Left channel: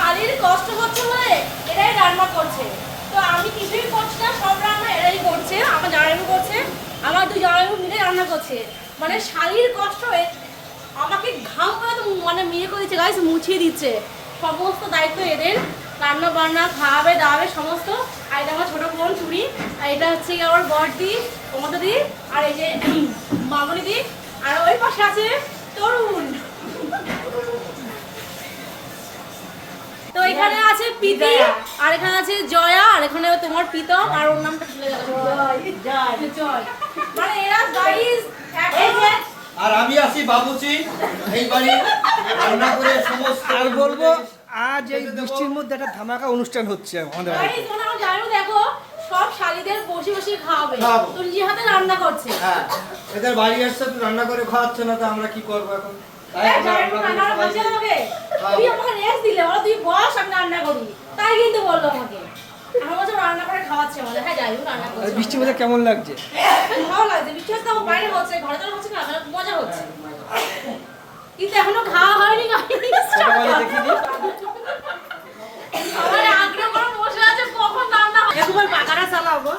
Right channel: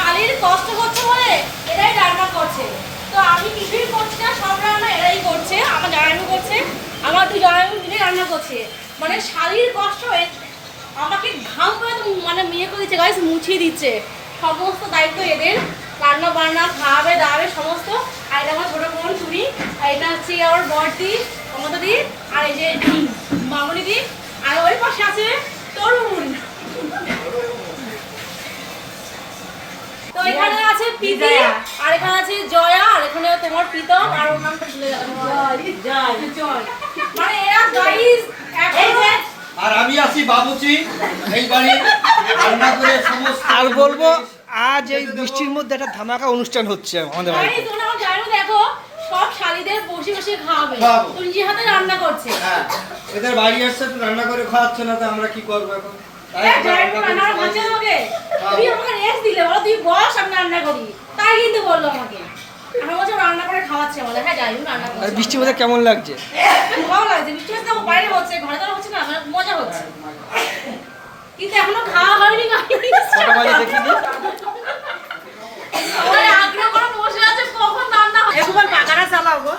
শালির কষ্ট হচ্ছে বলে এরাই রান্না করছে। তো আমি কিছুই করছি না, সব রান্না এরাই করছে, আমার জামাইবু করছে, আমার দুই জামাইবু মিলে রান্না করছে। মানে শালির কষ্ট আমাকে ঘাম করে তো মানে মেয়ে করে দিচ্ছে, গাইস মুছিয়ে দিচ্ছে। সমস্ত দায়িত্ব এদের, রান্না বান্না খাওয়াবে দাওয়াবে সমস্ত। আর এটা আমার ছোটো বোন চুরি, আর এটা হচ্ছে আমার বড়দি মমতা দি, আর এই যে মামনি দি, আর ওই পাশে আছে তরুণ। তো এখানে আছে প্রীতি, আর এখানে আছে জয়া, আর এখানে তোমার প্রীতম, আর ওর নামটা ভুলে গেলাম, জয়। মানে এরা গাইস আর আমি আছি বাবুচি এই বাড়ি রান্না করে সমস্ত। আর বলবো আজ এই বৃষ্টির মধ্যে একটা ধামাকা অনুষ্ঠান হচ্ছে আমাদের বাড়িতে। তোমরা আমার জানো দেখো সব শালিদের বসে বসে খাওয়াবে, তুই যে হাতে রান্না করছে। হ্যাঁ এদের বাড়ি আসছে তো রান্না করে খাওয়াচ্ছে না, তো আমরা কি করবো এখন? তাই এই আমরা জানো রান্না রান্না করে করছে সবাইকে আমাকে, তুই আমাকে রেস্ট দিলে বলো তুই বস আমি রান্না করি, তাই কিন্তু বললো আমাকে। আমার বলছে রান্না করে খাওয়াচ্ছে আমাদের। হ্যাঁ যাই হোক রান্না আর করছে। বৃষ্টির মধ্যে কেমন লাগছে? ভালো লাগছে, বৃষ্টি হচ্ছে বাইরে হচ্ছে, ঘরে তো হচ্ছে না, মজা হচ্ছে। কিন্তু এখনো খাওয়া হয়নি guys। কটা বাজে দেখিনি। সবাই আগ্রহ করে বসে আছে কখন রান্না হবে। একবার পাকাটা চালাও গো।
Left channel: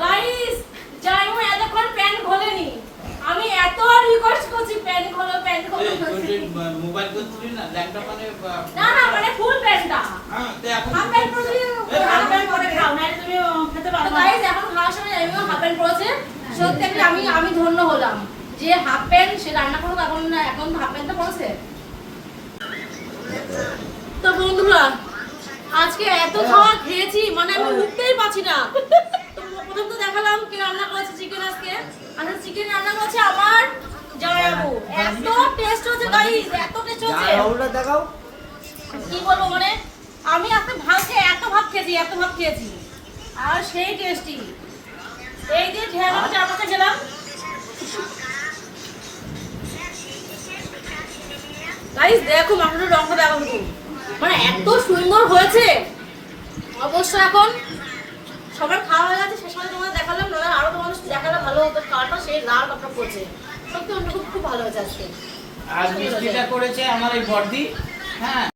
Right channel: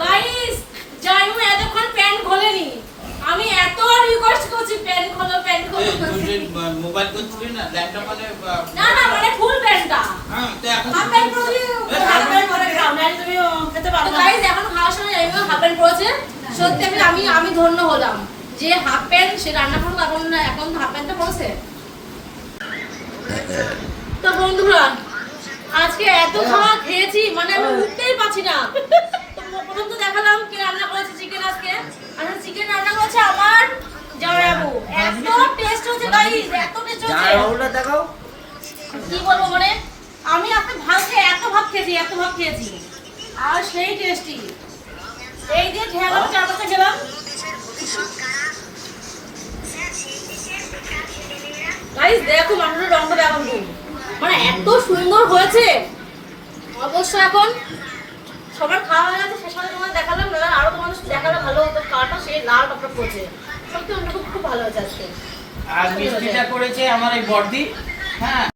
গাইস জাইমু এতক্ষণ প্যান্ট খোলেনি, আমি এত রিকোয়েস্ট করছি প্যান্ট খোলো প্যান্ট খোলো। মোবাইল করছিলি না ল্যাপটপ মানে না না মানে ফুল প্যান্টটা। হ্যাঁ তো এখন হাফ প্যান্ট পরে গাইস এখন খাওয়ার সময় এমন হাফ প্যান্ট পরেছে, সত্যি আমি ধন্য হলাম যে হাফ প্যান্ট সে রান্না করুক, এখন হাফ প্যান্টটা পরেছে। তো বন্ধুরা আজকে এত খাওয়া খেয়েছি মানে আমি উঠতেই পারছি না। তো প্রথম তো দেখালাম কে রান্না করেছে চিকেন আজকে, আর চিকেন রান্না করেছে আমার জয়াবু। এত টেস্ট হচ্ছে গাইস, এত টেস্ট হচ্ছে জামাইবাবুটা দেখাও। কি বলবো মানে আমি এত ভাত খেয়েছি আর সেই টেস্টি। এই দিয়ে খেলাম, চার পাঁচটা খেলাম। গাইস দেখো মাংসের রঙটা দেখো মানে এত সুন্দর হয়েছে। অবশ্য এখন সবার খাওয়া হয়ে গেছে, শেষ করে তোমাদের দেখালাম, না আরো তোমাদের দেখালে ভালো হতো। কাটা সেই লাল টকটক করছে, সত্যি খুব ভালো হয়েছে আজকে। আর মিষ্টিটা করেছে আমার এই বর্দি। হ্যাঁ